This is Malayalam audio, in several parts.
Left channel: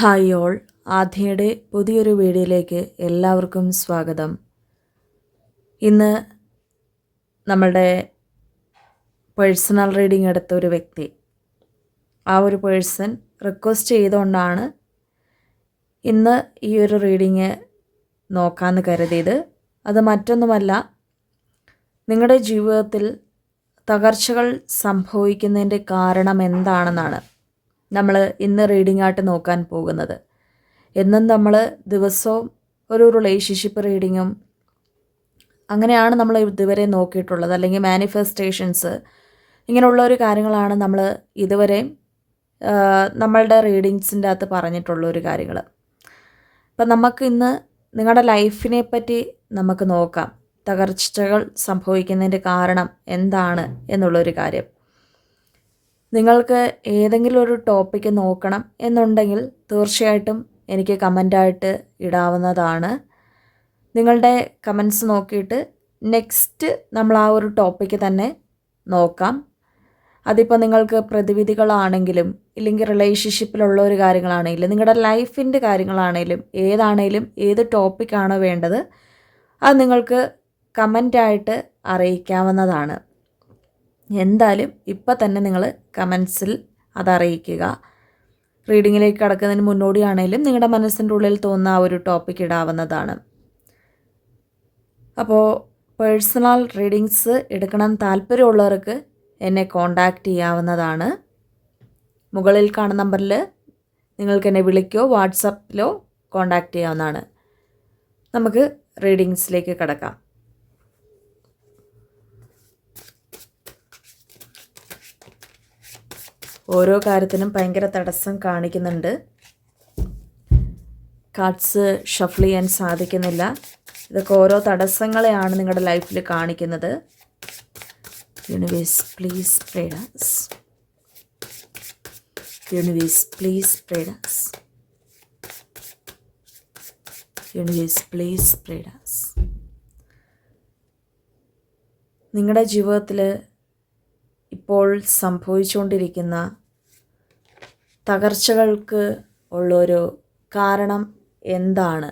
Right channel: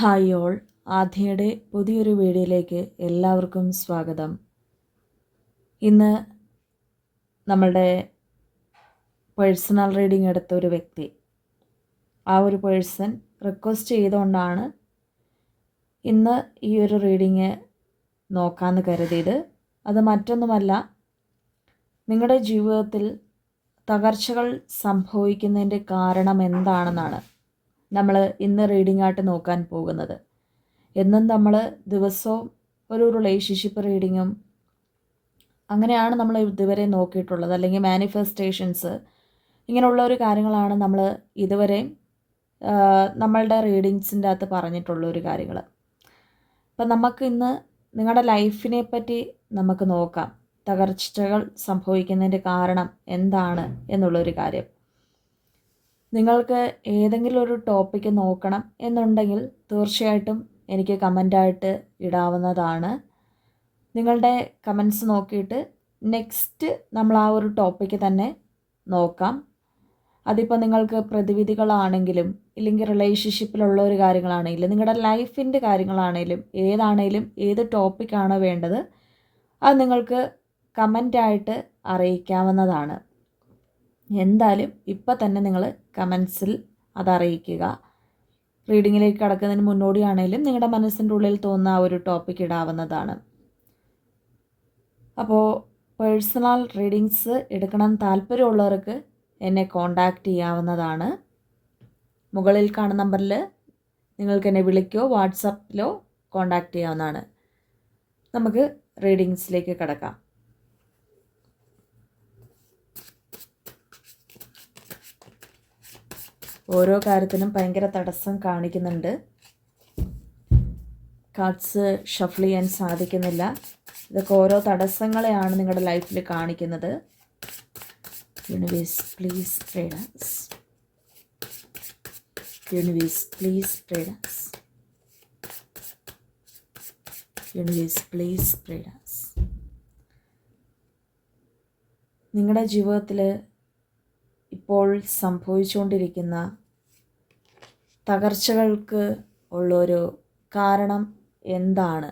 ഹായ് ഓൾ, ആദ്യയുടെ പുതിയൊരു വീഡിയോയിലേക്ക് എല്ലാവർക്കും സ്വാഗതം. ഇന്ന് നമ്മളുടെ പേഴ്സണൽ റീഡിംഗ് എടുത്ത ഒരു വ്യക്തി, ആ ഒരു പേഴ്സൺ റിക്വസ്റ്റ് ചെയ്തുകൊണ്ടാണ് ഇന്ന് ഈ ഒരു റീഡിങ് നോക്കാമെന്ന് കരുതിയത്. അത് മറ്റൊന്നുമല്ല, നിങ്ങളുടെ ജീവിതത്തിൽ തകർച്ചകൾ സംഭവിക്കുന്നതിൻ്റെ കാരണം എന്താണെന്നാണ് നമ്മൾ ഇന്ന് റീഡിംഗ് ആയിട്ട് നോക്കാൻ പോകുന്നത്. എന്നും നമ്മൾ ദിവസവും ഒരു റിലേഷൻഷിപ്പ് റീഡിങ്ങും അങ്ങനെയാണ് നമ്മൾ ഇതുവരെ നോക്കിയിട്ടുള്ളത്, അല്ലെങ്കിൽ മാനിഫെസ്റ്റേഷൻസ്, ഇങ്ങനെയുള്ള ഒരു കാര്യങ്ങളാണ് നമ്മൾ ഇതുവരെ നമ്മളുടെ റീഡിങ്സിൻ്റെ അകത്ത് പറഞ്ഞിട്ടുള്ള ഒരു കാര്യങ്ങൾ. അപ്പം നമുക്ക് ഇന്ന് നിങ്ങളുടെ ലൈഫിനെ പറ്റി നമുക്ക് നോക്കാം. തകർച്ചകൾ സംഭവിക്കുന്നതിൻ്റെ കാരണം എന്താണ് എന്നുള്ളൊരു കാര്യം. നിങ്ങൾക്ക് ഏതെങ്കിലും ഒരു ടോപ്പിക്ക് നോക്കണം എന്നുണ്ടെങ്കിൽ തീർച്ചയായിട്ടും എനിക്ക് കമൻ്റായിട്ട് ഇടാവുന്നതാണ്. നിങ്ങളുടെ കമൻസ് നോക്കിയിട്ട് നെക്സ്റ്റ് നമ്മൾ ആ ഒരു ടോപ്പിക്ക് തന്നെ നോക്കാം. അതിപ്പോൾ നിങ്ങൾക്ക് പ്രതിവിധികളാണെങ്കിലും ഇല്ലെങ്കിൽ റിലേഷൻഷിപ്പിലുള്ള ഒരു കാര്യങ്ങളാണെങ്കിലും നിങ്ങളുടെ ലൈഫിൻ്റെ കാര്യങ്ങളാണെങ്കിലും ഏതാണെങ്കിലും ഏത് ടോപ്പിക്കാണോ വേണ്ടത് അത് നിങ്ങൾക്ക് കമൻ്റായിട്ട് അറിയിക്കാവുന്നതാണ്. എന്തായാലും ഇപ്പം തന്നെ നിങ്ങൾ കമൻസിൽ അതറിയിക്കുക. റീഡിങ്ങിലേക്ക് കടക്കുന്നതിന് മുന്നോടിയാണെങ്കിലും നിങ്ങളുടെ മനസ്സിൻ്റെ ഉള്ളിൽ തോന്നുന്ന ആ ഒരു ടോപ്പിക്ക് ഇടാവുന്നതാണ്. അപ്പോൾ പേഴ്സണൽ റീഡിങ്സ് എടുക്കണം താല്പര്യമുള്ളവർക്ക് എന്നെ കോൺടാക്റ്റ് ചെയ്യാവുന്നതാണ്. മുകളിൽ കാണുന്ന നമ്പറിൽ നിങ്ങൾക്ക് എന്നെ വിളിക്കോ വാട്സപ്പിലോ കോൺടാക്റ്റ് ചെയ്യാവുന്നതാണ്. നമുക്ക് റീഡിങ്സിലേക്ക് കടക്കാം. ഓരോ കാര്യത്തിനും ഭയങ്കര തടസ്സം കാണിക്കുന്നുണ്ട്. കാർഡ്സ് ഷഫിൾ ചെയ്യാൻ സാധിക്കുന്നില്ല. ഇതൊക്കെ ഓരോ തടസ്സങ്ങളെയാണ് നിങ്ങളുടെ ലൈഫിൽ കാണിക്കുന്നത്. Universe please guide us. Universe please guide us. Universe please guide us. നിങ്ങളുടെ ജീവിതത്തിൽ ഇപ്പോൾ സംഭവിച്ചുകൊണ്ടിരിക്കുന്ന തകർച്ചകൾക്ക് ഉള്ളൊരു കാരണം എന്താണ്?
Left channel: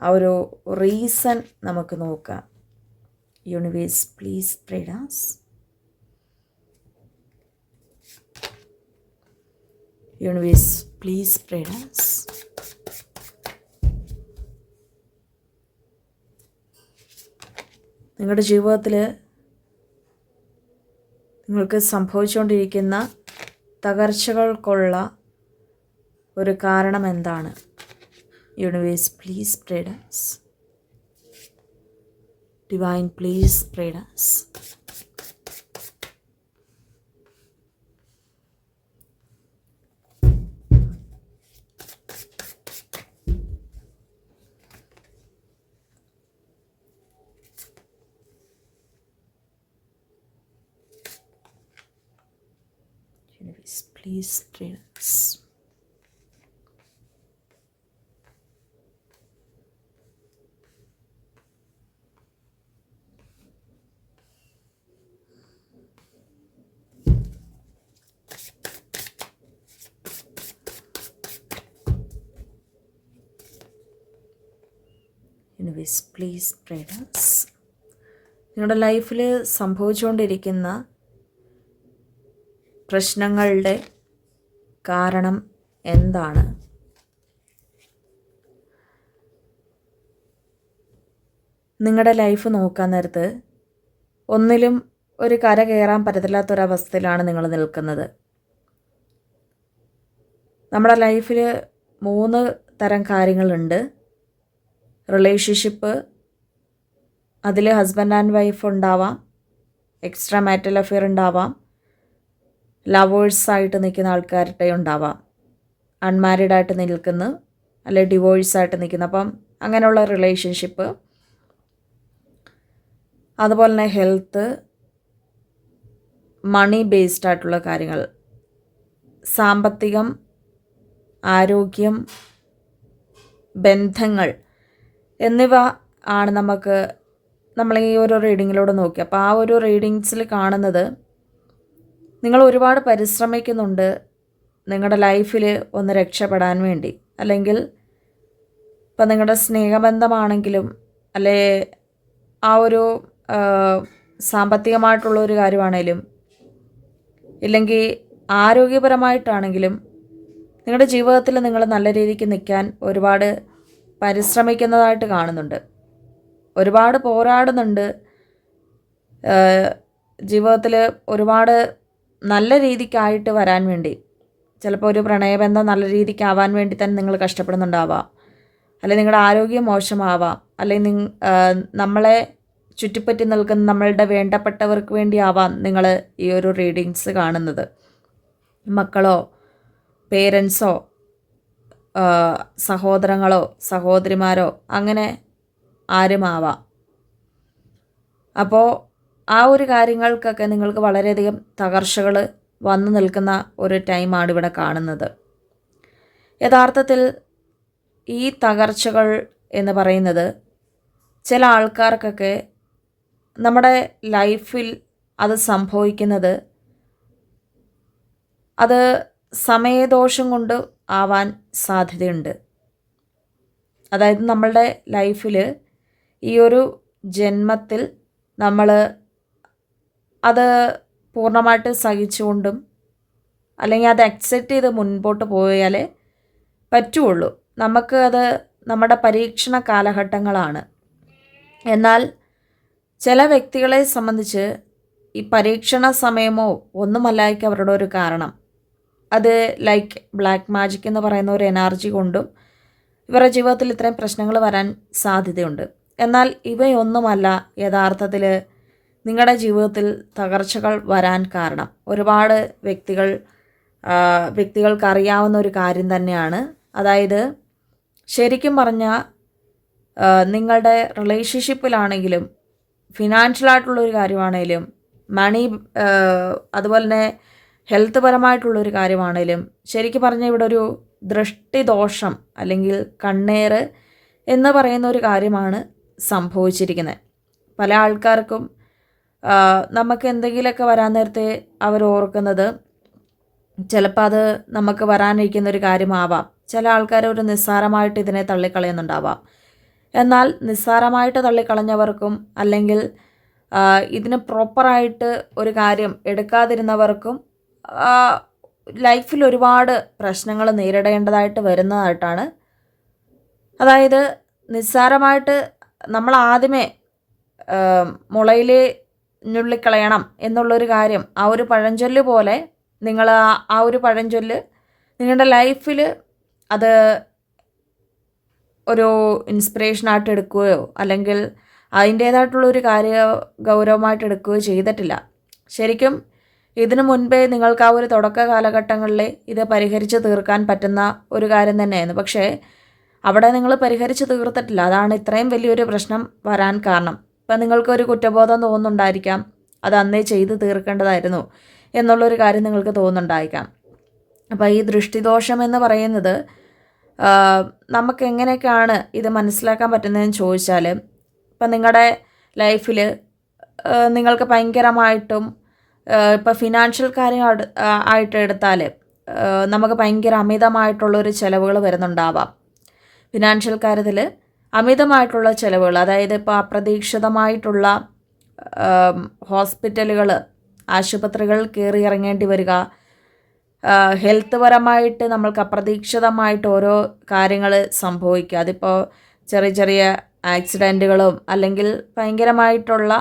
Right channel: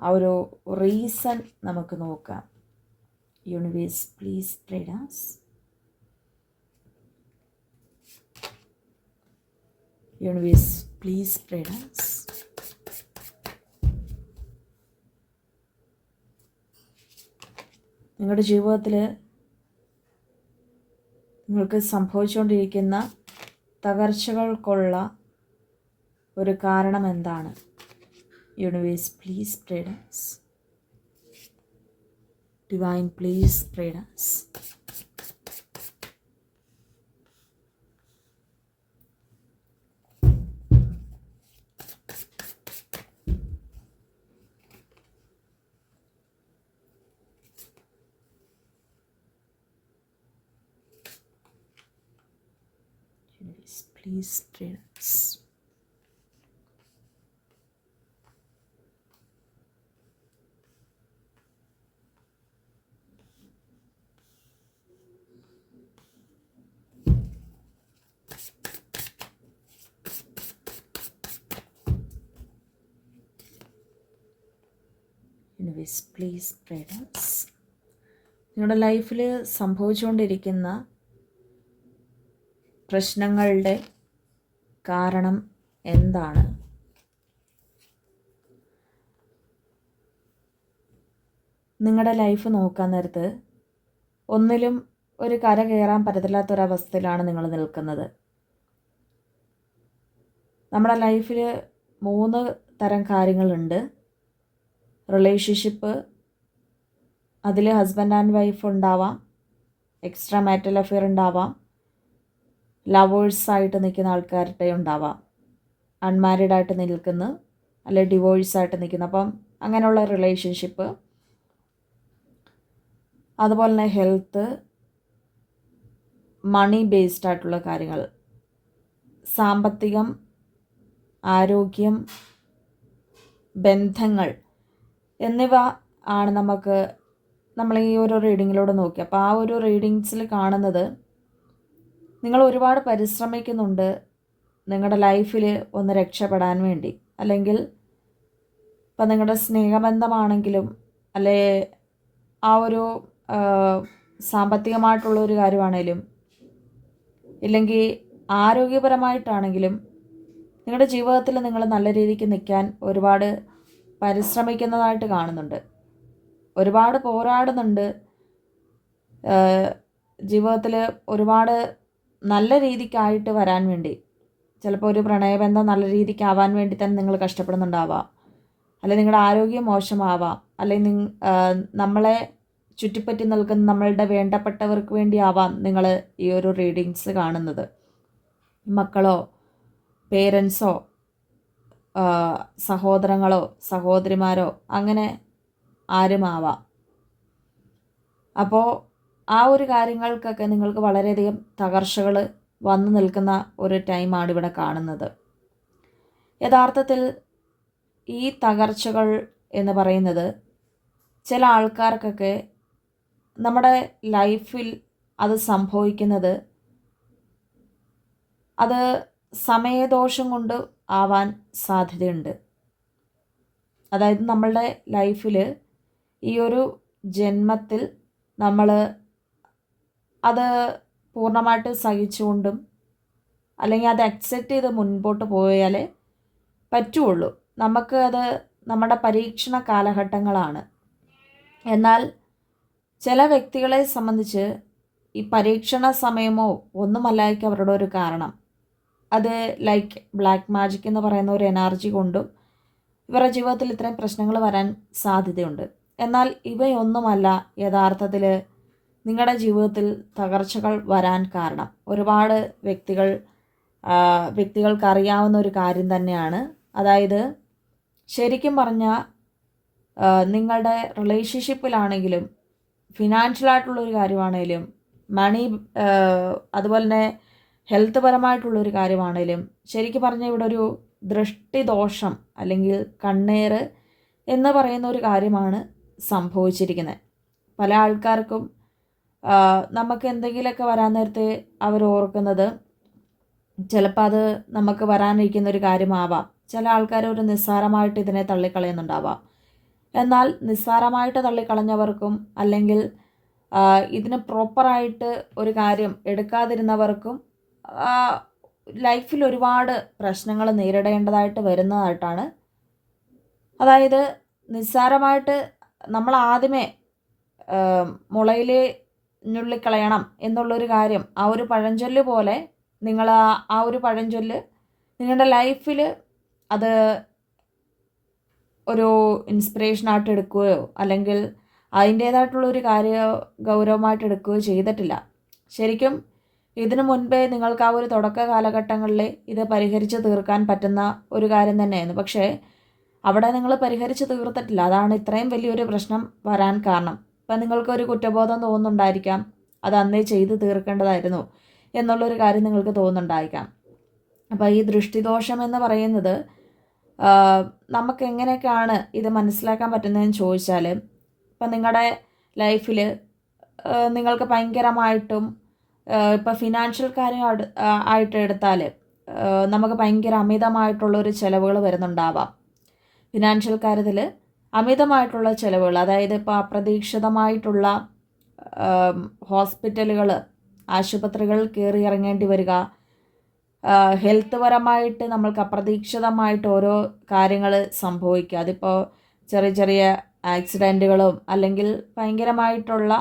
ആ ഒരു റീസൺ നമുക്ക് നോക്കാം. Universe please guide us. Universe please guide us. നിങ്ങളുടെ ജീവിതത്തിൽ നിങ്ങൾക്ക് സംഭവിച്ചുകൊണ്ടിരിക്കുന്ന തകർച്ചകൾക്കുള്ള ഒരു കാരണം എന്താണ്? Universe please guide us. Divine please guide us. Please guide us. Universe, please guide us. നിങ്ങളുടെ ലൈഫിൽ സംഭവിച്ചുകൊണ്ടിരിക്കുന്ന പ്രശ്നങ്ങളുടെ കാരണം എന്താണ്? നിങ്ങളുടെ ലൈഫ് നോക്കാൻ നേരത്ത് ഒന്നിലും ഒരു കര കയറാൻ പറ്റത്തില്ലാത്തൊരവസ്ഥയിലാണ് നിങ്ങൾ നിൽക്കുന്നത്. നമ്മുടെ ലൈഫിൽ 3 തരം കാര്യങ്ങളുണ്ട്. റിലേഷൻഷിപ്പ്, അതിൽ ഹസ്ബൻഡ് ആൻഡ് വൈഫ് ഉണ്ടാവാം, എക്സ്ട്രാ മാരിറ്റൽ അഫെയർ ഉണ്ടാവാം, ലവേഴ്സായിട്ട് നിൽക്കുന്ന ആൾക്കാരുടെ ഉണ്ടാവാം, അൺമാരീഡായിട്ട് നിൽക്കുന്ന അല്ലെ ഡിവോഴ്സായിട്ട് നിൽക്കുന്ന, അപ്പം അങ്ങനെയുള്ള റിലേഷൻഷിപ്പ്. അതുപോലെ തന്നെ ഹെൽത്ത്, മണി ബേസ്ഡ് ആയിട്ടുള്ള കാര്യങ്ങൾ, സാമ്പത്തികം, ആരോഗ്യം, ബന്ധങ്ങൾ എന്നിവ ആണ് നമ്മൾ ഈ ഒരു റീഡിങ്ങിലൂടെ നോക്കി. അപ്പോൾ ആ ഒരു റീഡിങ്സിൽ കാണുന്നത് നിങ്ങൾ ഒരുപാട് പരിശ്രമിക്കുന്നുണ്ട്, നിങ്ങളുടെ ലൈഫിൽ ഒന്ന് രക്ഷപ്പെടാൻ വേണ്ടി, അല്ലെങ്കിൽ ഇപ്പം നിങ്ങളുടെ സ്നേഹബന്ധമാണെങ്കിലും അല്ലെ ആ ഒരു സാമ്പത്തികമായിട്ടുള്ളൊരു കാര്യമാണേലും ഇല്ലെങ്കിൽ ആരോഗ്യപരമായിട്ടാണെങ്കിലും നിങ്ങളുടെ ജീവിതത്തിൽ നിങ്ങൾ നല്ല രീതിക്ക് നിൽക്കാൻ ഒരുപാട് പരിശ്രമിക്കുന്നതായിട്ട് കാണുന്നുണ്ട്, ഒരുപാട് പോരാടുന്നുണ്ട്, ജീവിതത്തിൽ ഒരുപാട് നല്ല രീതിക്കായിട്ട് വരാൻ വേണ്ടി. ചിലപ്പോൾ ഒരു പ്രണയബന്ധം നല്ല രീതിക്കാവാൻ വേണ്ടി തന്നെ നിങ്ങൾ കഷ്ടപ്പെടുന്നുണ്ടാവാം, അല്ലെങ്കിൽ നിങ്ങളുടെ ആരോഗ്യം മോശമാവാം, അല്ലെങ്കിൽ നമ്മളെ ചുറ്റിപ്പറ്റി നിൽക്കുന്ന നമ്മളുടെ വേണ്ടപ്പെട്ടവർക്ക് വേണ്ടിയാവാം നിങ്ങൾ ഈ ഒരു റീഡിങ്സ് കാണുന്നത്. മക്കളോ പേരൻസോ സഹോദരങ്ങളോ സഹോദരിമാരോ അങ്ങനെ ആരുമാവാം. അപ്പോൾ ആ ഒരു കാര്യങ്ങൾക്കൊക്കെ നിങ്ങൾക്ക് വളരെയധികം തകർച്ചകൾ വന്നു നിൽക്കുന്ന ഒരു ടൈമാണ് ഇവിടെ കാണുന്നത്. യഥാർത്ഥത്തിൽ ഈ തകർച്ചകൾ എന്ന് പറയുന്നത് ചില ആൾക്കാർക്കൊക്കെ നമ്മുടെ ലൈഫിൽ അത് സംഭവിക്കുന്നത് അത് സമയദോഷം കൊണ്ട് ആവാൻ സാധ്യതയുണ്ട്. അതായത് നമ്മളുടെ ലൈഫിൽ ഈ ഒരു ജന്മത്തിൽ നമ്മൾ അത് പൂർണ്ണമായിട്ട് സഹിച്ചുകൊണ്ടും അല്ലെങ്കിൽ അത് അക്സെപ്റ്റ് ചെയ്ത് മുൻപോട്ട് പോയാലേ പറ്റുള്ളൂ. നമുക്ക് അത് നമ്മുടെ പരീക്ഷണ കാലഘട്ടങ്ങളാണ്. എന്നാൽ ചില വ്യക്തികളെ സംബന്ധിച്ച് ഈ പരീക്ഷണ സമയമോ ഒന്നുമല്ലായിരിക്കും അവരുടെ ഒരു കാരണം. അത് ലൈക്ക് ബ്ലാക്ക് മാജിക് എന്ന് പറയുന്ന ഒരു എനർജി കൊണ്ടും ഇവരുടെ ജീവിതത്തിൽ ഇത്രയും പ്രശ്നങ്ങൾ വരാൻ സാധ്യതയുണ്ട്. എന്നാൽ ഇവയൊന്നുമല്ല യഥാർത്ഥത്തിൽ നിങ്ങളുടെ ജീവിതത്തിൽ തകർച്ചകൾ വരാൻ കാരണം. ഒരുപാട് വ്യക്തികൾക്ക് അറിയാവുന്ന ഒരു കാര്യം തന്നെയാണ്. അതായത് ശരിക്കും പറഞ്ഞാൽ നിങ്ങളുടെ റിലേഷൻഷിപ്പിലാണെങ്കിലും ഫിനാൻഷ്യലായിട്ടുള്ളൊരു കാര്യമാണെങ്കിലും അതുപോലെ തന്നെ ഹെൽത്ത് പരമായിട്ടുള്ളൊരു കാര്യമാണെങ്കിലും ശരിക്കും പറഞ്ഞാൽ ഇവിടെ ഒരു ദൃഷ്ടിദോഷം അല്ലെങ്കിൽ കണ്ണേറ് എന്ന് പറയുന്ന ഒരു കാര്യമാണ് സംഭവിച്ചിരിക്കുന്നത്. പല ആൾക്കാർക്കും നമുക്ക് എന്തെങ്കിലുമൊക്കെ വരാൻ നേരത്തെ അവർ ഓർക്കുന്നത് ചിലപ്പോൾ അത് നമുക്ക് വരാനിരിക്കുന്ന ഒരു കാര്യമാവാം. ചില ആൾക്കാർ ഒരു നിസ്സാരമായിട്ട് ഇതിനെ തള്ളിക്കളയുന്നുണ്ടാവാം. എന്നാൽ നിസ്സാരമായിട്ട് തള്ളിക്കളഞ്ഞവർക്കും അല്ലെങ്കിൽ ഇതിന് പ്രോപ്പറായിട്ട് ഒരു കാര്യം എടുക്കാതിരുന്നവർക്കും ലൈഫിൽ ഒരുപാട് പ്രശ്നങ്ങൾ നേരിടേണ്ടതായിട്ട് വരുന്നതായിട്ടാണ്. അതായത് നിസ്സാരമായിട്ട് നമ്മൾ ആദ്യമേ മുളയിൽ ഞുള്ളിക്കളയണം എന്നുള്ളൊരു കാര്യം, ആ ഒരു പഴഞ്ചൊല്ല് പോലെ നിങ്ങൾ ആ ഒരു പഴഞ്ചൊല്ല് നിങ്ങളുടെ ലൈഫിൽ അത് ഒരു ഇൻസ്പിറേഷനായിട്ട് എടുക്കുകയോ അല്ലെങ്കിൽ അതിൻ്റേതായിട്ടുള്ളൊരു ഗൗരവമായിട്ട് എടുക്കുകയോ ചെയ്തിട്ടില്ല. ശരിക്കും ഇതിനു മുൻപേ നിങ്ങൾക്ക് ആ ഒരു തുടക്ക കാലഘട്ടങ്ങളിൽ ഇത് പരിഹരിച്ച് തീർക്കാൻ പറ്റുന്ന ഒരു കാര്യം തന്നെയായിരുന്നു. പക്ഷേ അവിടെ നിങ്ങൾ പരിഹരിച്ച് തീർത്തിട്ടില്ല. അതാണ് ഇത്രയും വലിയൊരു പ്രശ്നം വരാൻ കാരണം. ഇപ്പം നിങ്ങൾക്കൊരു കുറ്റബോധം തോന്നുന്നുണ്ടായിരിക്കാം, അത് അന്നേ ചെയ്ത് തീർക്കേണ്ടതായിരുന്നു എന്നുള്ളൊരു കാര്യം നിങ്ങൾക്ക് തോന്നുന്നുണ്ടായിരിക്കാം. അപ്പോൾ ഈ ദൃഷ്ടിദോഷം എന്ന് പറയുന്നത് നമുക്ക് എങ്ങനെയൊക്കെയാണ് ഇത് മനസ്സിലാക്കാൻ പറ്റുന്നതെന്ന് ചോദിച്ചാൽ, ഇപ്പം നിങ്ങളുടെ ലൈഫിൽ നിങ്ങൾക്ക് ഭയങ്കരമായിട്ടും ഇപ്പോൾ ഫിനാൻഷ്യൽ കാര്യം ആയിട്ട് എടുത്താൽ നമുക്ക് ഭയങ്കര അമിതമായിട്ടുള്ളൊരു ചിലവുകൾ വരുന്നുണ്ടാവാം. ഫിനാൻഷ്യൽ കാര്യത്തിൽ അമിതമായിട്ടുള്ള ചിലവുകൾ, അതായത് ഇപ്പോൾ അപ്രതീക്ഷിതമായിട്ടുള്ള ഹോസ്പിറ്റലുകൾ, ആശുപത്രികൾ കയറി ഇറങ്ങേണ്ടി വരിക, ഹെൽത്ത് പരമായിട്ട് നമ്മൾക്ക് അപ്രതീക്ഷിതമായിട്ട് ഓരോ കാര്യങ്ങൾ സംഭവിക്കുക. അതിപ്പോൾ ചെറിയ ചെറിയ ആക്സിഡൻറ്റുകളും അല്ലെങ്കിൽ ഭയങ്കരമായിട്ടുള്ള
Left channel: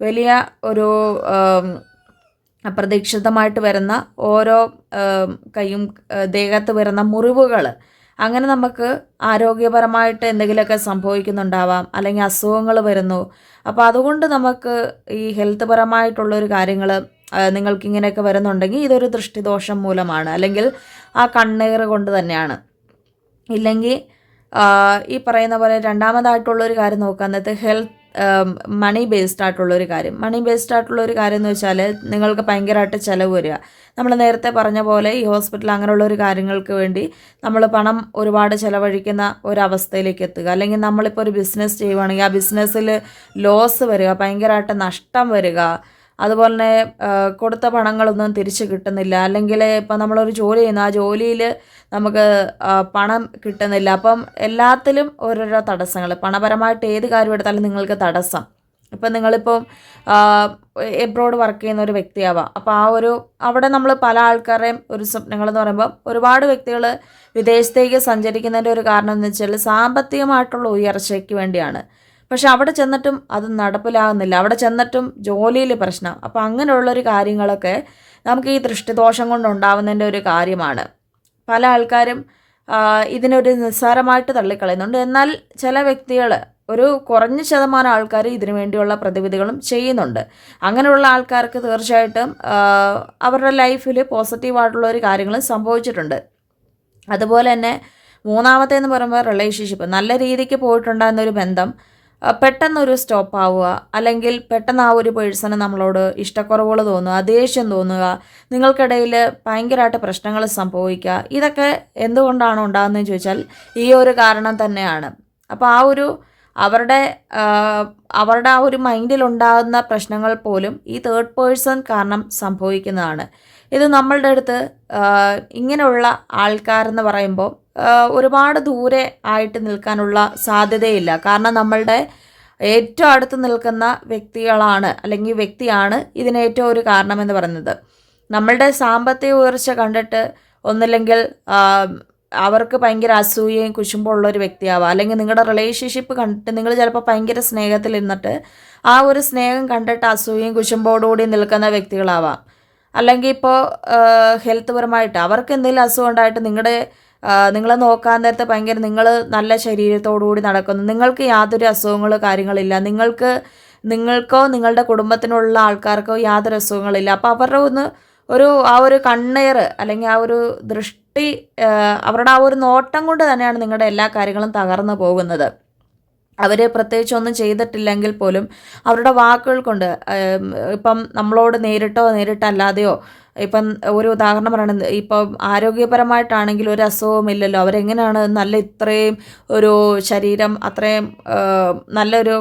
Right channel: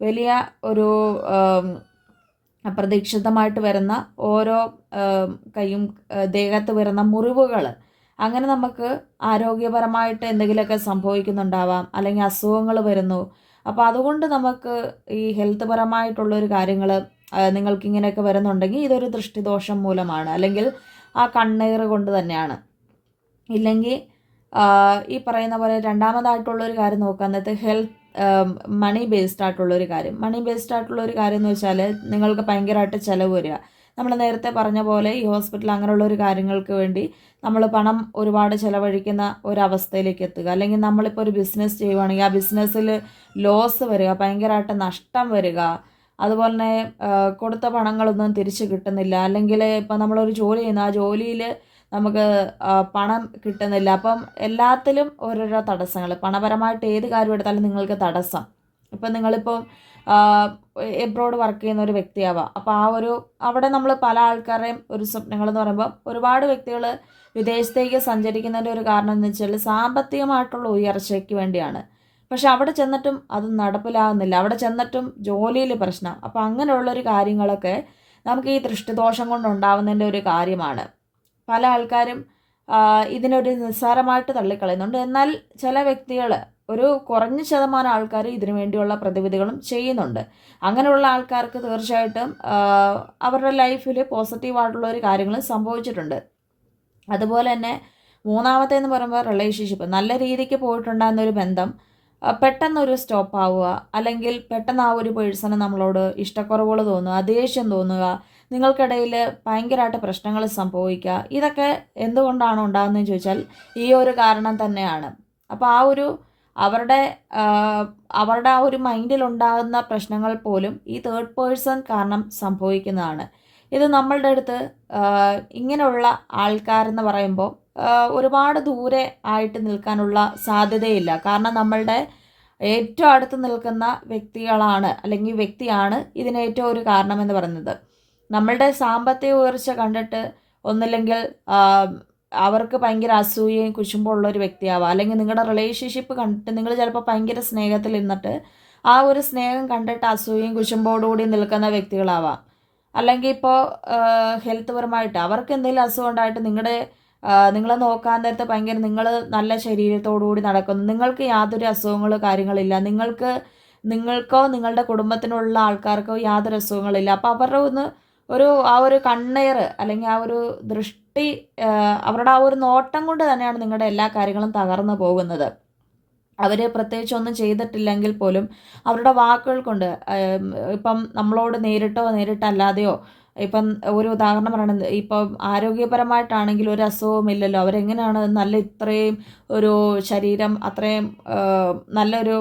വലിയ ഒരു അപ്രതീക്ഷിതമായിട്ട് വരുന്ന ഓരോ കൈയും ദേഹത്ത് വരുന്ന മുറിവുകൾ, അങ്ങനെ നമുക്ക് ആരോഗ്യപരമായിട്ട് എന്തെങ്കിലുമൊക്കെ സംഭവിക്കുന്നുണ്ടാവാം, അല്ലെങ്കിൽ അസുഖങ്ങൾ വരുന്നു. അപ്പോൾ അതുകൊണ്ട് നമുക്ക് ഈ ഹെൽത്ത് പരമായിട്ടുള്ളൊരു കാര്യങ്ങൾ നിങ്ങൾക്കിങ്ങനെയൊക്കെ വരുന്നുണ്ടെങ്കിൽ ഇതൊരു ദൃഷ്ടിദോഷം മൂലമാണ്, അല്ലെങ്കിൽ ആ കണ്ണേറ് കൊണ്ട് തന്നെയാണ്. ഇല്ലെങ്കിൽ ഈ പറയുന്ന പോലെ രണ്ടാമതായിട്ടുള്ളൊരു കാര്യം നോക്കുന്നത് മണി ബേസ്ഡ് ആയിട്ടുള്ളൊരു കാര്യം. മണി ബേസ്ഡ് ആയിട്ടുള്ളൊരു കാര്യം എന്ന് വെച്ചാൽ നിങ്ങൾക്ക് ഭയങ്കരമായിട്ട് ചിലവ് വരിക. നമ്മൾ നേരത്തെ പറഞ്ഞ പോലെ ഈ ഹോസ്പിറ്റൽ അങ്ങനെയുള്ളൊരു കാര്യങ്ങൾക്ക് വേണ്ടി നമ്മൾ പണം ഒരുപാട് ചിലവഴിക്കുന്ന ഒരവസ്ഥയിലേക്ക് എത്തുക. അല്ലെങ്കിൽ നമ്മളിപ്പോൾ ഒരു ബിസിനസ് ചെയ്യുവാണെങ്കിൽ ആ ബിസിനസ്സിൽ ലോസ് വരിക, ഭയങ്കരമായിട്ട് നഷ്ടം വരിക, അതുപോലെ തന്നെ കൊടുത്ത പണങ്ങളൊന്നും തിരിച്ച് കിട്ടുന്നില്ല, അല്ലെങ്കിൽ ഇപ്പം നമ്മളൊരു ജോലി ചെയ്യുന്നു, ആ ജോലിയിൽ നമുക്ക് പണം കിട്ടുന്നില്ല. അപ്പം എല്ലാത്തിലും ഓരോരോ തടസ്സങ്ങൾ. പണപരമായിട്ട് ഏത് കാര്യം എടുത്താലും നിങ്ങൾക്ക് തടസ്സം. ഇപ്പം നിങ്ങളിപ്പോൾ എബ്രോഡ് വർക്ക് ചെയ്യുന്ന ഒരു വ്യക്തിയാവാം. അപ്പോൾ അവിടെ നമ്മൾ പല ആൾക്കാരുടെയും ഒരു സ്വപ്നങ്ങളെന്ന് പറയുമ്പോൾ ഒരുപാട് വ്യക്തികൾ വിദേശത്തേക്ക് സഞ്ചരിക്കുന്നതിൻ്റെ ഒരു കാരണം എന്ന് വെച്ചാൽ സാമ്പത്തികമായിട്ടുള്ള ഉയർച്ചയ്ക്ക് വേണ്ടിയാണ്. പക്ഷെ അവിടെ ചെന്നിട്ടും അത് നടപ്പിലാകുന്നില്ല, അവിടെ ചെന്നിട്ടും ജോലിയിൽ പ്രശ്നം. അപ്പോൾ അങ്ങനെയുള്ളൊരു കാര്യങ്ങളൊക്കെ നമുക്ക് ഈ ദൃഷ്ടിദോഷം കൊണ്ടുണ്ടാവുന്നതിൻ്റെ ഒരു കാര്യമാണ്. പല ആൾക്കാരും ഇതിനൊരു നിസ്സാരമായിട്ട് തള്ളിക്കളയുന്നുണ്ട്. എന്നാൽ ചില വ്യക്തികൾ, ഒരു കുറഞ്ഞ ശതമാനം ആൾക്കാർ ഇതിനു വേണ്ടിയുള്ള പ്രതിവിധികളും ചെയ്യുന്നുണ്ട്. അങ്ങനെയുള്ള ആൾക്കാർക്ക് തീർച്ചയായിട്ടും അവരുടെ ലൈഫിൽ പോസിറ്റീവായിട്ടുള്ള ഒരു കാര്യങ്ങൾ സംഭവിച്ചിട്ടുണ്ട്. അതുപോലെ തന്നെ മൂന്നാമത്തേന്ന് പറയുമ്പോൾ റിലേഷൻഷിപ്പ്. നല്ല രീതിക്ക് പോയിട്ടുണ്ടാകുന്നൊരു ബന്ധം പെട്ടെന്നൊരു സ്റ്റോപ്പ് ആവുക, അല്ലെങ്കിൽ പെട്ടെന്ന് ആ ഒരു പേഴ്സണ് നമ്മളോട് ഇഷ്ടക്കുറവുകൾ തോന്നുക, ദേഷ്യം തോന്നുക, നിങ്ങൾക്കിടയിൽ ഭയങ്കരമായിട്ട് പ്രശ്നങ്ങൾ സംഭവിക്കുക. ഇതൊക്കെ എന്തുകൊണ്ടാണ് ഉണ്ടാകുന്നതെന്ന് ചോദിച്ചാൽ ഈ ഒരു കാരണം തന്നെയാണ്. അപ്പോൾ അവരുടെ ആ ഒരു മൈൻഡിലുണ്ടാകുന്ന പ്രശ്നങ്ങൾ പോലും ഈ തേർഡ് പേഴ്സൺ കാരണം സംഭവിക്കുന്നതാണ്. ഇത് നമ്മളുടെ അടുത്ത് ഇങ്ങനെയുള്ള ആൾക്കാരെന്ന് പറയുമ്പോൾ ഒരുപാട് ദൂരെ ആയിട്ട് നിൽക്കാനുള്ള സാധ്യതയില്ല. കാരണം നമ്മളുടെ ഏറ്റവും അടുത്ത് നിൽക്കുന്ന വ്യക്തികളാണ്, അല്ലെങ്കിൽ വ്യക്തിയാണ് ഇതിന് ഏറ്റവും ഒരു കാരണമെന്ന് പറയുന്നത്. നമ്മളുടെ സാമ്പത്തിക ഉയർച്ച കണ്ടിട്ട് ഒന്നില്ലെങ്കിൽ അവർക്ക് ഭയങ്കര അസൂയയും കുശുമ്പുള്ള ഒരു വ്യക്തിയാവാം, അല്ലെങ്കിൽ നിങ്ങളുടെ റിലേഷൻഷിപ്പ് കണ്ടിട്ട് നിങ്ങൾ ചിലപ്പോൾ ഭയങ്കര സ്നേഹത്തിൽ നിന്നിട്ട് ആ ഒരു സ്നേഹം കണ്ടിട്ട് അസൂയയും കുശുമ്പോടുകൂടി നിൽക്കുന്ന വ്യക്തികളാവാം. അല്ലെങ്കിൽ ഇപ്പോൾ ഹെൽത്ത് പരമായിട്ട് അവർക്ക് എന്തെങ്കിലും അസുഖം ഉണ്ടായിട്ട് നിങ്ങളെ നോക്കാൻ നേരത്തെ ഭയങ്കര നിങ്ങൾ നല്ല ശരീരത്തോടുകൂടി നടക്കുന്നു, നിങ്ങൾക്ക് യാതൊരു അസുഖങ്ങളോ കാര്യങ്ങളില്ല, നിങ്ങൾക്കോ നിങ്ങളുടെ കുടുംബത്തിനുള്ള ആൾക്കാർക്കോ യാതൊരു അസുഖങ്ങളില്ല. അപ്പോൾ അവരുടെ ആ ഒരു കണ്ണേറ്, അല്ലെങ്കിൽ ആ ഒരു ദൃഷ്ടി, അവരുടെ ആ ഒരു നോട്ടം കൊണ്ട് തന്നെയാണ് നിങ്ങളുടെ എല്ലാ കാര്യങ്ങളും തകർന്നു പോകുന്നത്. അവർ പ്രത്യേകിച്ച് ഒന്നും ചെയ്തിട്ടില്ലെങ്കിൽ പോലും അവരുടെ വാക്കുകൾ കൊണ്ട്, ഇപ്പം നമ്മളോട് നേരിട്ടോ നേരിട്ടല്ലാതെയോ, ഇപ്പം ഒരു ഉദാഹരണം പറയണത്, ഇപ്പം ആരോഗ്യപരമായിട്ടാണെങ്കിൽ ഒരു അസുഖമില്ലല്ലോ, അവരെങ്ങനെയാണ് നല്ല ഇത്രയും ഒരു ശരീരം അത്രയും നല്ലൊരു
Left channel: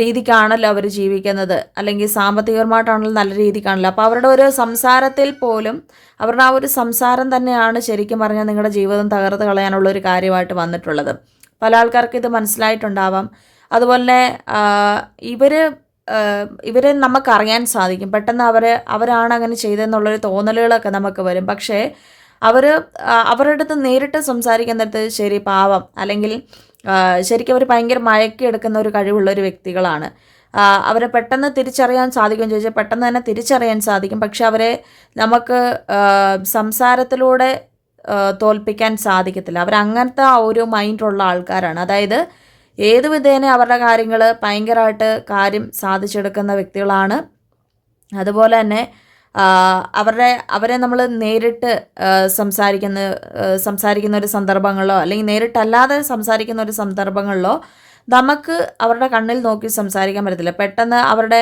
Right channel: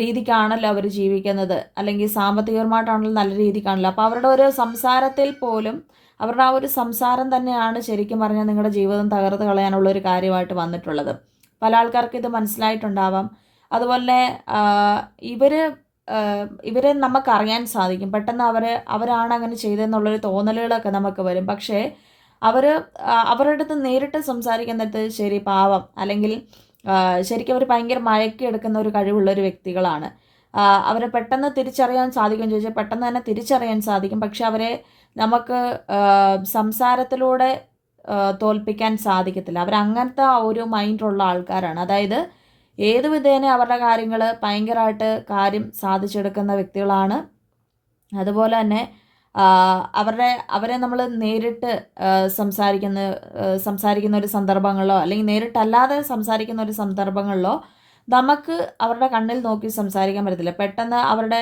രീതിക്കാണല്ലോ അവർ ജീവിക്കുന്നത്, അല്ലെങ്കിൽ സാമ്പത്തികപരമായിട്ടാണെങ്കിലും നല്ല രീതിക്കാണല്ലോ. അപ്പോൾ അവരുടെ ഒരു സംസാരത്തിൽ പോലും, അവരുടെ ആ ഒരു സംസാരം തന്നെയാണ് ശരിക്കും പറഞ്ഞാൽ നിങ്ങളുടെ ജീവിതം തകർത്ത് കളയാനുള്ള ഒരു കാര്യമായിട്ട് വന്നിട്ടുള്ളത്. പല ആൾക്കാർക്ക് ഇത് മനസ്സിലായിട്ടുണ്ടാവാം. അതുപോലെ ഇവരെ നമുക്കറിയാൻ സാധിക്കും, പെട്ടെന്ന് അവരാണ് അങ്ങനെ ചെയ്തതെന്നുള്ളൊരു തോന്നലുകളൊക്കെ നമുക്ക് വരും. പക്ഷേ അവരുടെ അടുത്ത് നേരിട്ട് സംസാരിക്കുന്നിടത്ത് ശരി പാവം, അല്ലെങ്കിൽ ശരിക്കും അവർ ഭയങ്കര മയക്കിയെടുക്കുന്ന ഒരു കഴിവുള്ള ഒരു വ്യക്തികളാണ്. അവരെ പെട്ടെന്ന് തിരിച്ചറിയാൻ സാധിക്കും ചോദിച്ചാൽ പെട്ടെന്ന് തന്നെ തിരിച്ചറിയാൻ സാധിക്കും. പക്ഷെ അവരെ നമുക്ക് സംസാരത്തിലൂടെ തോൽപ്പിക്കാൻ സാധിക്കത്തില്ല. അവരങ്ങനത്തെ ഒരു മൈൻഡുള്ള ആൾക്കാരാണ്. അതായത് ഏത് വിധേന അവരുടെ കാര്യങ്ങൾ ഭയങ്കരമായിട്ട് കാര്യം സാധിച്ചെടുക്കുന്ന വ്യക്തികളാണ്. അതുപോലെ തന്നെ അവരെ നമ്മൾ നേരിട്ട് സംസാരിക്കുന്ന ഒരു സന്ദർഭങ്ങളിലോ, അല്ലെങ്കിൽ നേരിട്ടല്ലാതെ സംസാരിക്കുന്ന ഒരു സന്ദർഭങ്ങളിലോ നമുക്ക് അവരുടെ കണ്ണിൽ നോക്കി സംസാരിക്കാൻ പറ്റത്തില്ല. പെട്ടെന്ന് അവരുടെ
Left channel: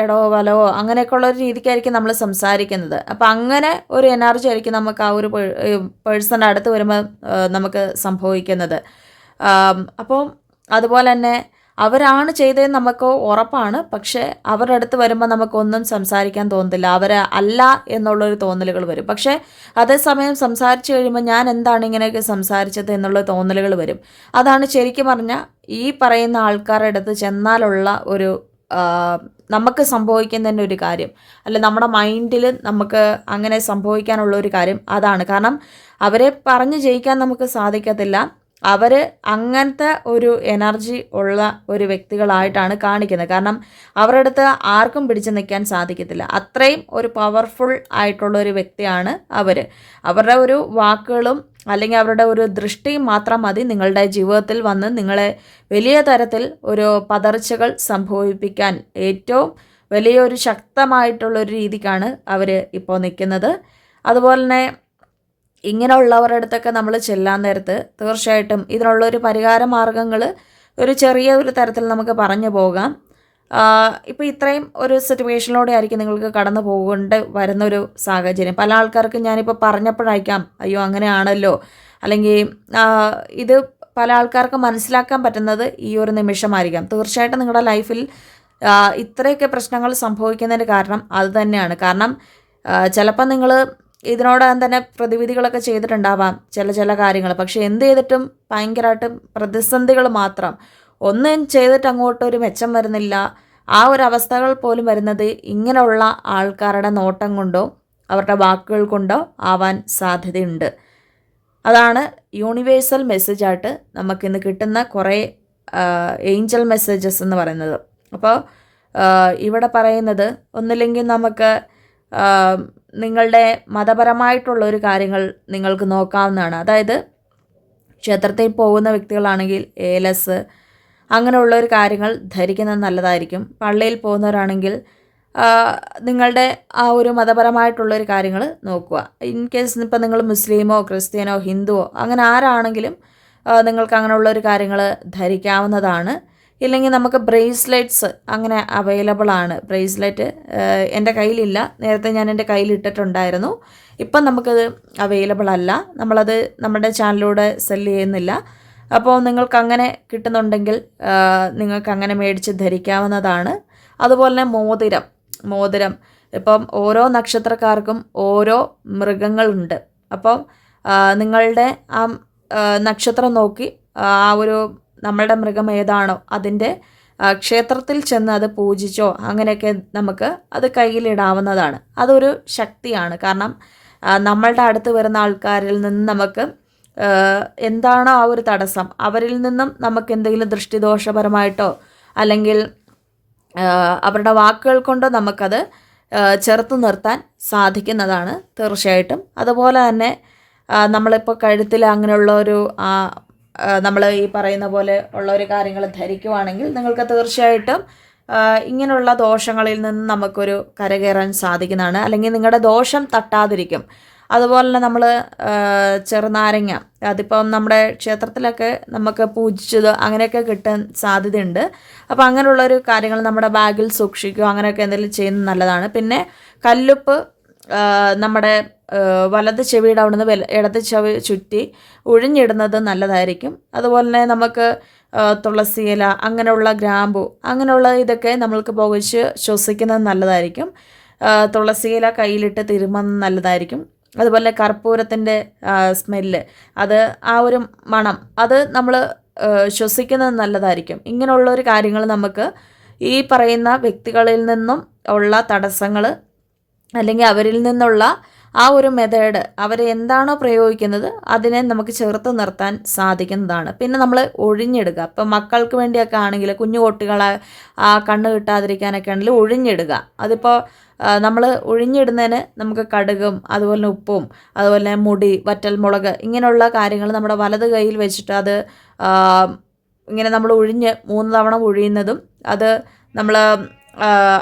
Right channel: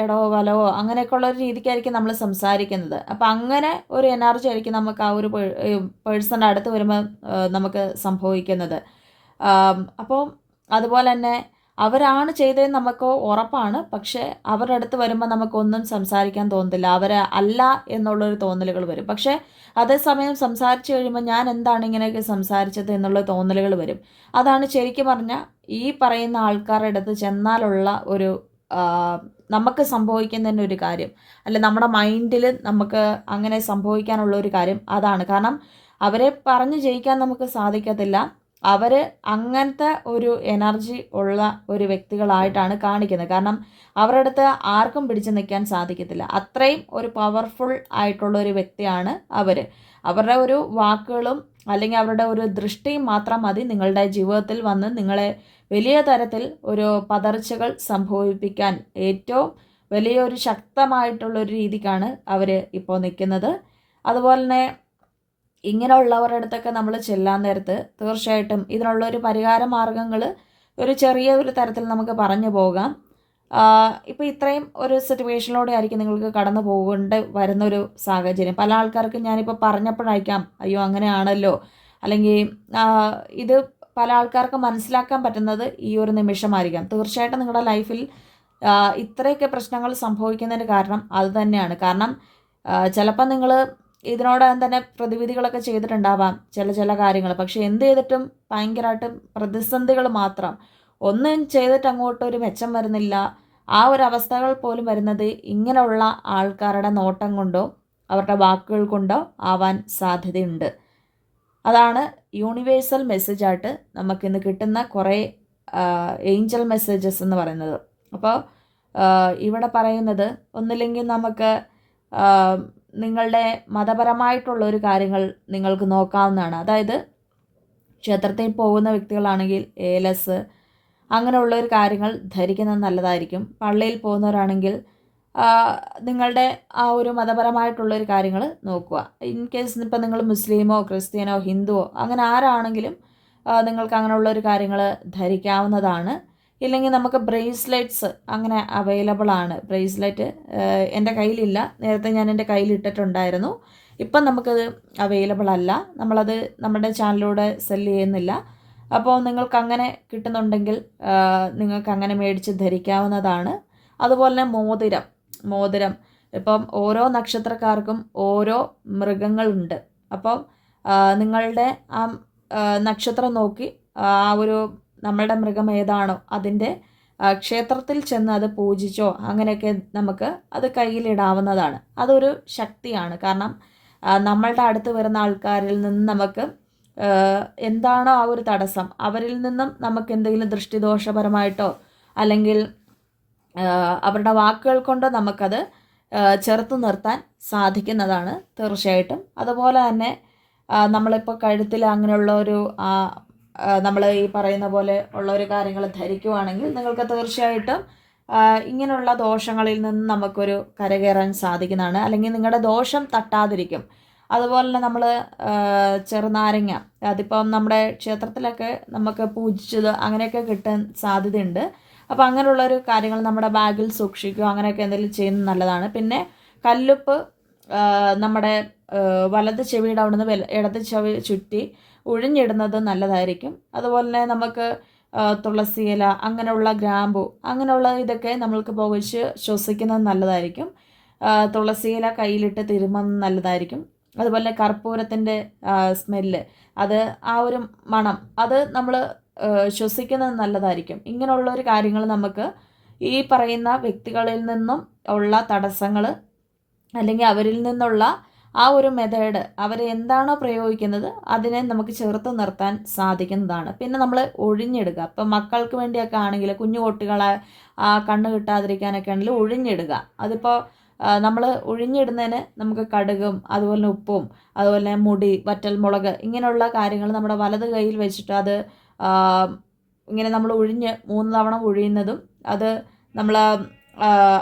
ഇടവോ വലവോ അങ്ങനെയൊക്കെയുള്ള ഒരു രീതിക്കായിരിക്കും നമ്മൾ സംസാരിക്കുന്നത്. അപ്പോൾ അങ്ങനെ ഒരു എനർജി ആയിരിക്കും നമുക്ക് ആ ഒരു പേഴ്സൻ്റെ അടുത്ത് വരുമ്പോൾ നമുക്ക് സംഭവിക്കുന്നത്. അപ്പോൾ അതുപോലെ തന്നെ അവരാണ് ചെയ്തതെന്ന് നമുക്ക് ഉറപ്പാണ്. പക്ഷേ അവരുടെ അടുത്ത് വരുമ്പോൾ നമുക്കൊന്നും സംസാരിക്കാൻ തോന്നത്തില്ല, അല്ല എന്നുള്ളൊരു തോന്നലുകൾ വരും. പക്ഷേ അതേസമയം സംസാരിച്ച് കഴിയുമ്പോൾ ഞാൻ എന്താണ് ഇങ്ങനെയൊക്കെ സംസാരിച്ചത് എന്നുള്ള തോന്നലുകൾ വരും. അതാണ് ശരിക്കും പറഞ്ഞാൽ ഈ പറയുന്ന ആൾക്കാരുടെ അടുത്ത് ചെന്നാലുള്ള ഒരു നമുക്ക് സംഭവിക്കുന്നതിൻ്റെ ഒരു കാര്യം, അല്ല നമ്മുടെ മൈൻഡിൽ നമുക്ക് അങ്ങനെ സംഭവിക്കാനുള്ള ഒരു കാര്യം അതാണ്. കാരണം അവരെ പറഞ്ഞ് ജയിക്കാൻ നമുക്ക് സാധിക്കത്തില്ല. അവർ അങ്ങനത്തെ ഒരു എനർജി ഉള്ള ഒരു വ്യക്തികളായിട്ടാണ് കാണിക്കുന്നത്. കാരണം അവരുടെ അടുത്ത് ആർക്കും പിടിച്ചു നിൽക്കാൻ സാധിക്കത്തില്ല. അത്രയും ഒരു പവർഫുൾ ആയിട്ടുള്ള ഒരു വ്യക്തിയാണ് അവർ. അവരുടെ ഒരു വാക്കുകളും അല്ലെങ്കിൽ അവരുടെ ഒരു ദൃഷ്ടിയും മാത്രം മതി നിങ്ങളുടെ ജീവിതത്തിൽ വന്ന് നിങ്ങളെ വലിയ തരത്തിൽ ഒരു പതർച്ചകൾ സംഭവിപ്പിക്കാൻ. ഏറ്റവും വലിയൊരു ശക്തമായിട്ടുള്ളൊരു രീതിക്കാണ് അവർ ഇപ്പോൾ നിൽക്കുന്നത്. അതുപോലെ തന്നെ ഇങ്ങനെയുള്ളവരുടെ അടുത്തൊക്കെ നമ്മൾ ചെല്ലാൻ നേരത്ത് തീർച്ചയായിട്ടും ഇതിനുള്ളൊരു പരിഹാര മാർഗ്ഗങ്ങൾ ഒരു ചെറിയ ഒരു തരത്തിൽ നമുക്ക് പറഞ്ഞു പോകാം. ഇപ്പോൾ ഇത്രയും ഒരു സിറ്റുവേഷനിലൂടെ ആയിരിക്കും നിങ്ങൾക്ക് കടന്നു പോകേണ്ടി വരുന്നൊരു സാഹചര്യം. പല ആൾക്കാർക്ക് ഞാനിപ്പോൾ പറഞ്ഞപ്പോഴായിരിക്കാം അയ്യോ അങ്ങനെയാണല്ലോ, അല്ലെങ്കിൽ ഇത് പല ആൾക്കാർക്ക് മനസ്സിലാക്കാൻ പറ്റുന്നത് ഈ ഒരു നിമിഷമായിരിക്കാം. തീർച്ചയായിട്ടും നിങ്ങളുടെ ലൈഫിൽ ഇത്രയൊക്കെ പ്രശ്നങ്ങൾ സംഭവിക്കുന്നതിന് കാരണം അത് തന്നെയാണ്. കാരണം ചിലപ്പോൾ നിങ്ങൾ ഇതിനോടകം തന്നെ പ്രതിവിധികളൊക്കെ ചെയ്തിട്ടുണ്ടാവാം ചില കാര്യങ്ങൾ. പക്ഷേ എന്ത് ചെയ്തിട്ടും ഭയങ്കരമായിട്ടും പ്രതിസന്ധികൾ മാത്രം. ഒന്നും ചെയ്തിട്ട് അങ്ങോട്ടൊരു മെച്ചം വരുന്നില്ല. ആ ഒരു അവസ്ഥകൾ പോലും വരുന്നത് ഇങ്ങനെയുള്ള ആൾക്കാരുടെ നോട്ടം കൊണ്ടോ അവരുടെ വാക്കുകൾ കൊണ്ടോ ആവാൻ സാധ്യതയുണ്ട്. അതാണ് യൂണിവേഴ്സൽ മെസ്സേജായിട്ട് നമുക്കിന്ന് കിട്ടുന്ന കുറേ ഏഞ്ചൽ മെസ്സേജസ് എന്ന് പറയുന്നത്. അപ്പോൾ ഇവിടെ പറയുന്നത് ഒന്നില്ലെങ്കിൽ നമുക്ക് നിങ്ങളുടെ മതപരമായിട്ടുള്ള ഒരു കാര്യങ്ങൾ നിങ്ങൾക്ക് നോക്കാവുന്നതാണ്. അതായത് ക്ഷേത്രത്തിൽ പോകുന്ന വ്യക്തികളാണെങ്കിൽ ഏലസ് അങ്ങനെയുള്ള ഒരു കാര്യങ്ങൾ ധരിക്കുന്നത് നല്ലതായിരിക്കും. പള്ളിയിൽ പോകുന്നവരാണെങ്കിൽ നിങ്ങളുടെ ആ ഒരു മതപരമായിട്ടുള്ളൊരു കാര്യങ്ങൾ നോക്കുക. ഇൻ കേസ് ഇപ്പം നിങ്ങൾ മുസ്ലിമോ ക്രിസ്ത്യനോ ഹിന്ദുവോ അങ്ങനെ ആരാണെങ്കിലും നിങ്ങൾക്ക് അങ്ങനെയുള്ളൊരു കാര്യങ്ങൾ ധരിക്കാവുന്നതാണ്. ഇല്ലെങ്കിൽ നമുക്ക് ബ്രേസ്ലെറ്റ്സ് അങ്ങനെ അവൈലബിൾ ആണ്. ബ്രേസ്ലെറ്റ് എൻ്റെ കയ്യിലില്ല, നേരത്തെ ഞാൻ എൻ്റെ കയ്യിൽ ഇട്ടിട്ടുണ്ടായിരുന്നു. ഇപ്പം നമുക്കത് അവൈലബിൾ അല്ല, നമ്മളത് നമ്മുടെ ചാനലിലൂടെ സെല്ല് ചെയ്യുന്നില്ല. അപ്പോൾ നിങ്ങൾക്ക് അങ്ങനെ കിട്ടുന്നുണ്ടെങ്കിൽ നിങ്ങൾക്ക് അങ്ങനെ മേടിച്ച് ധരിക്കാവുന്നതാണ്. അതുപോലെ തന്നെ മോതിരം ഇപ്പം ഓരോ നക്ഷത്രക്കാർക്കും ഓരോ മൃഗങ്ങളുണ്ട്. അപ്പം നിങ്ങളുടെ ആ നക്ഷത്രം നോക്കി ആ ഒരു നമ്മളുടെ മൃഗം ഏതാണോ അതിൻ്റെ ക്ഷേത്രത്തിൽ ചെന്ന് അത് പൂജിച്ചോ അങ്ങനെയൊക്കെ നമുക്ക് അത് കയ്യിലിടാവുന്നതാണ്. അതൊരു ശക്തിയാണ്. കാരണം നമ്മളുടെ അടുത്ത് വരുന്ന ആൾക്കാരിൽ നിന്ന് നമുക്ക് എന്താണോ ആ ഒരു തടസ്സം, അവരിൽ നിന്നും നമുക്ക് എന്തെങ്കിലും ദൃഷ്ടിദോഷപരമായിട്ടോ അല്ലെങ്കിൽ അവരുടെ വാക്കുകൾ കൊണ്ടോ നമുക്കത് ചെറുത്ത് നിർത്താൻ സാധിക്കുന്നതാണ് തീർച്ചയായിട്ടും. അതുപോലെ തന്നെ നമ്മളിപ്പോൾ കഴുത്തിൽ അങ്ങനെയുള്ള ഒരു നമ്മൾ ഈ പറയുന്ന പോലെ ഉള്ള ഒരു കാര്യങ്ങൾ ധരിക്കുവാണെങ്കിൽ നിങ്ങൾക്ക് തീർച്ചയായിട്ടും ഇങ്ങനെയുള്ള ദോഷങ്ങളിൽ നിന്ന് നമുക്കൊരു കരകയറാൻ സാധിക്കുന്നതാണ്. അല്ലെങ്കിൽ നിങ്ങളുടെ ദോഷം തട്ടാതിരിക്കും. അതുപോലെ തന്നെ നമ്മൾ ചെറുനാരങ്ങ, അതിപ്പം നമ്മുടെ ക്ഷേത്രത്തിലൊക്കെ നമുക്ക് പൂജിച്ചത് അങ്ങനെയൊക്കെ കിട്ടാൻ സാധ്യതയുണ്ട്. അപ്പോൾ അങ്ങനെയുള്ളൊരു കാര്യങ്ങൾ നമ്മുടെ ബാഗിൽ സൂക്ഷിക്കുക, അങ്ങനെയൊക്കെ എന്തെങ്കിലും ചെയ്യുന്നത് നല്ലതാണ്. പിന്നെ കല്ലുപ്പ് നമ്മുടെ വലത് ചെവിയുടെ അവിടെ നിന്ന് ഇടത് ചെവി ചുറ്റി ഒഴിഞ്ഞിടുന്നത് നല്ലതായിരിക്കും. അതുപോലെ തന്നെ നമുക്ക് തുളസിയില, അങ്ങനെയുള്ള ഗ്രാമ്പു, അങ്ങനെയുള്ള ഇതൊക്കെ നമ്മൾക്ക് പുകച്ച് ശ്വസിക്കുന്നത് നല്ലതായിരിക്കും. തുളസിയില കയ്യിലിട്ട് തിരുമുന്നത് നല്ലതായിരിക്കും. അതുപോലെ കർപ്പൂരത്തിൻ്റെ സ്മെല്ല്, അത് ആ ഒരു മണം, അത് നമ്മൾ ശ്വസിക്കുന്നത് നല്ലതായിരിക്കും. ഇങ്ങനെയുള്ളൊരു കാര്യങ്ങൾ നമുക്ക് ഈ പറയുന്ന വ്യക്തികളിൽ നിന്നും ഉള്ള തടസ്സങ്ങൾ അല്ലെങ്കിൽ അവരിൽ നിന്നുള്ള ആ ഒരു മെത്തേഡ് അവർ എന്താണോ പ്രയോഗിക്കുന്നത് അതിനെ നമുക്ക് ചേർത്ത് നിർത്താൻ സാധിക്കുന്നതാണ്. പിന്നെ നമ്മൾ ഒഴിഞ്ഞിടുക. ഇപ്പം മക്കൾക്ക് വേണ്ടിയൊക്കെ ആണെങ്കിൽ കുഞ്ഞു കുട്ടികളെ ആ കണ്ണ് കിട്ടാതിരിക്കാനൊക്കെ ആണെങ്കിൽ ഒഴിഞ്ഞിടുക. അതിപ്പോൾ നമ്മൾ ഒഴിഞ്ഞിടുന്നതിന് നമുക്ക് കടുകും അതുപോലെ ഉപ്പും അതുപോലെ മുടി, വറ്റൽമുളക്, ഇങ്ങനെയുള്ള കാര്യങ്ങൾ നമ്മുടെ വലത് കൈയിൽ വെച്ചിട്ട് അത് ഇങ്ങനെ നമ്മൾ 3 തവണ ഒഴിയുന്നതും അത് നമ്മൾ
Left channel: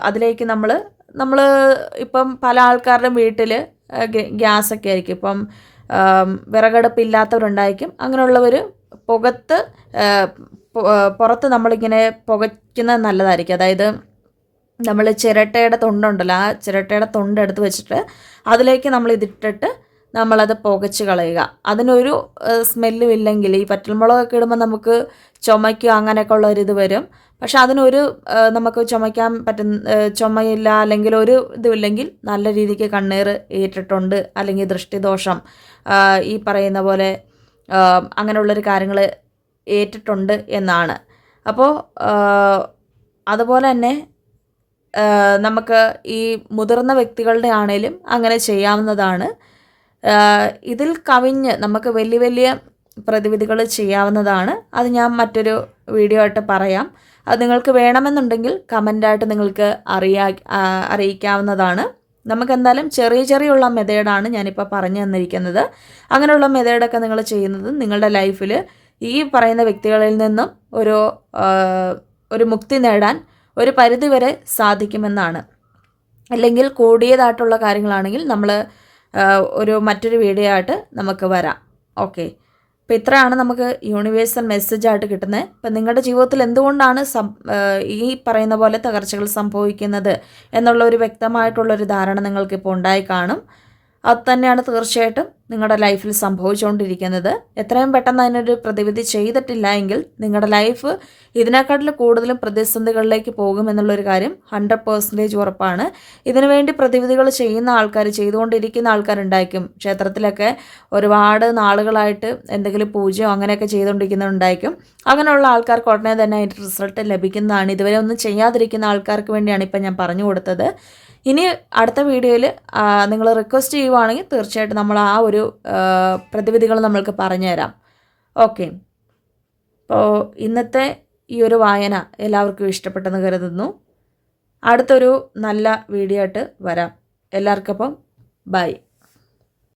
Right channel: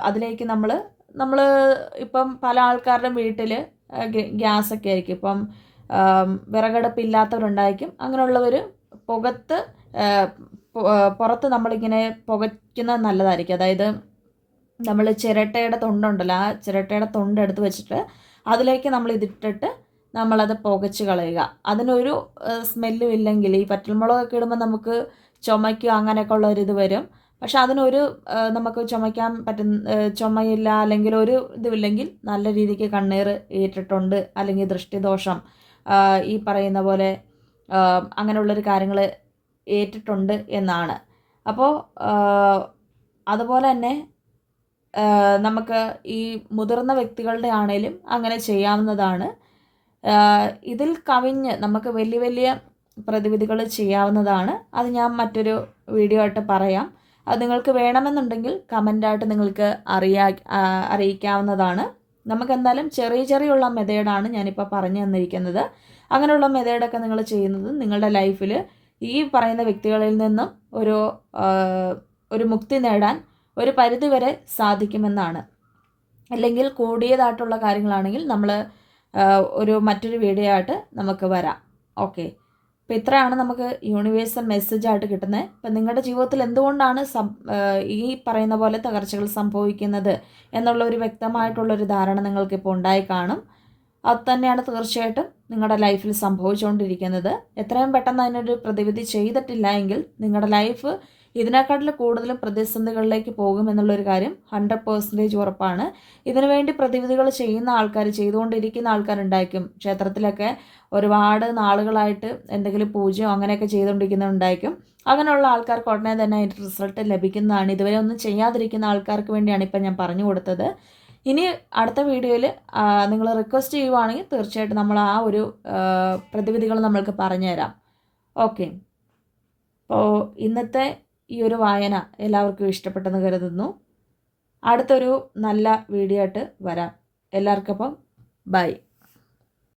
അതിലേക്ക് നമ്മൾ ഇപ്പം പല ആൾക്കാരുടെയും വീട്ടിൽ ഗ്യാസൊക്കെ ആയിരിക്കും. ഇപ്പം വിറകടുപ്പില്ലാത്തവരുണ്ടായിരിക്കും. അങ്ങനെയുള്ളവർ പുറത്ത് നമ്മളിങ്ങനെ പുകയ്ക്കുന്നത് നല്ലതായിരിക്കും. അതായത് നമ്മൾ ചിരട്ടയുടെ തൊണ്ടുണ്ടല്ലോ, ആ ചിരട്ടയുടെ തൊണ്ട് എടുത്ത് വെച്ചിട്ട് അതിലേക്ക് നമ്മൾ ഇതിട്ടിട്ട് നമ്മളത് പുകച്ച് കളയുക. അതിനൊരു സ്മെല്ലും ഇല്ലെങ്കിൽ, ഈ പറ്റൽമുളകൊക്കെ ഇടുമ്പോൾ നമുക്ക് ചുമയ്ക്കുക അങ്ങനെയൊക്കെ ഉള്ളൊരിത് വരും. പക്ഷെ അതിനൊരു നമുക്ക് ചുമയ്ക്കാൻ ചുമയില്ല അല്ലെങ്കിൽ ഒരു ഇതുമില്ലെങ്കിൽ നല്ല രീതിക്ക് കണ്ണീർ ഏറ്റിട്ടുണ്ട് അല്ലെങ്കിൽ ദൃഷ്ടിദോഷം ഈ പറയുന്ന പോലെ അങ്ങനെയുള്ളൊരു കാര്യങ്ങൾ ഏറ്റിട്ടുണ്ട് എന്നാണ്. അപ്പോൾ അതുപോലെ തന്നെ നമുക്ക് ഈ മുതിർന്ന വ്യക്തികളുടെ ആണേലും അങ്ങനെ ചെയ്യാവുന്നതാണ്. ഇതിൽ കവിഞ്ഞ് നമുക്ക് വലിയ വലിയ പ്രതിവിധികൾ ചെയ്യാവുന്നതാണ്. അത് ഞാൻ മറ്റൊരു വീഡിയോ ആയിട്ട് പറയാം. അത് നിങ്ങൾക്ക് വേണമെന്നുണ്ടെങ്കിൽ കമൻ്റായിട്ട് നിങ്ങൾക്ക് അറിയിക്കാവുന്നതാണ്. നമുക്കെന്തായാലും ചെറിയുള്ള മെത്തേഡാണ് ഞാനിപ്പോൾ പറഞ്ഞു തന്നിരിക്കുന്നത്. അങ്ങനെയുള്ള മെത്തേഡൊക്കെ നിങ്ങൾ ചെയ്യുന്നത് നിങ്ങളുടെ ലൈഫിൽ ഈ പറയുന്ന വ്യക്തികളിൽ നിന്നും ഒരു മുക്തി നേടാൻ ഒരു പരിധിവരെ സാധിക്കുമെന്നാണ്. അല്ലെങ്കിൽ കൂടിയതായിട്ടുള്ള കാര്യങ്ങളാണെങ്കിൽ നമ്മൾ മറ്റൊരു വീഡിയോ ആയിട്ട് നമുക്ക് വരാം. ഓക്കെ, അപ്പോൾ ഇത്രയാണ് നമുക്ക് യൂണിവേഴ്സൽ മെസ്സേജായിട്ട് കിട്ടുന്നത്. ഇപ്പം നിങ്ങളുടെ ജീവിതത്തിൽ എന്തുകൊണ്ടാണ് ഈ പറയുന്ന പോലെ തകർച്ചകൾ സംഭവിക്കുന്നത് എന്നുള്ള ഒരു വ്യക്തമായിട്ടുള്ളൊരു ധാരണ നിങ്ങൾക്കിപ്പോൾ ഉണ്ടായി കാണും. അത് തന്നെയാണ് തീർച്ചയായിട്ടും നിങ്ങളുടെ ലൈഫിൽ സംഭവിച്ചുകൊണ്ടിരിക്കുന്നത്. എത്രയും പെട്ടെന്ന് അതിനൊരു പ്രതിവിധി ചെയ്തിട്ടില്ല എങ്കിൽ നിങ്ങളുടെ ലൈഫ് ഇതിനേക്കാട്ടിൽ കൂടുതലും പ്രതിസന്ധികളിലേക്ക് പോകുമെന്നുള്ളൊരു കാര്യം 100% ഉറപ്പാണ്. ഇതിനുവേണ്ടി പ്രതിവിധികൾ ചെയ്യുന്ന ആൾക്കാർ, ചെയ്തുകൊണ്ടിരിക്കുന്ന ആൾക്കാരുണ്ടായിരിക്കും. ക്ഷേത്രത്തിലൊക്കെ ഒരുപാട് നാളുകളായിട്ട് എന്തെങ്കിലും പൂജയോ അങ്ങനെയൊക്കെ ചെയ്തുകൊണ്ടിരിക്കുന്നുണ്ടായിരിക്കും. അങ്ങനെയുള്ള ആൾക്കാർക്ക് ഉടനെ തന്നെ അതിൻ്റെ റിസൾട്ട് ലഭിക്കുന്നതാണ്. ഇതുവരെ ഒന്നും ചെയ്യാതിരിക്കുന്ന ആൾക്കാർക്ക് വേണ്ടിയാണ് ഇപ്പം ഞാൻ പറഞ്ഞു കൊടുത്തത്. ഇനി അടുത്ത വീഡിയോയിൽ നിങ്ങൾ റിക്വസ്റ്റ് ചെയ്യുവാണെങ്കിൽ തീർച്ചയായിട്ടും നമ്മൾ ആ ഒരു പ്രതിവിധികൾ നമ്മൾക്ക് പറഞ്ഞുതരാം. ഓക്കെ, അപ്പോൾ ഇന്നത്തെ ഈ ഒരു വായന എല്ലാവർക്കും ഇഷ്ടപ്പെട്ടെന്ന് കരുതുന്നു. അടുത്തൊരു നല്ല വീഡിയോ ആയിട്ട് വരാം. എല്ലാവർക്കും അപ്പം ബൈ.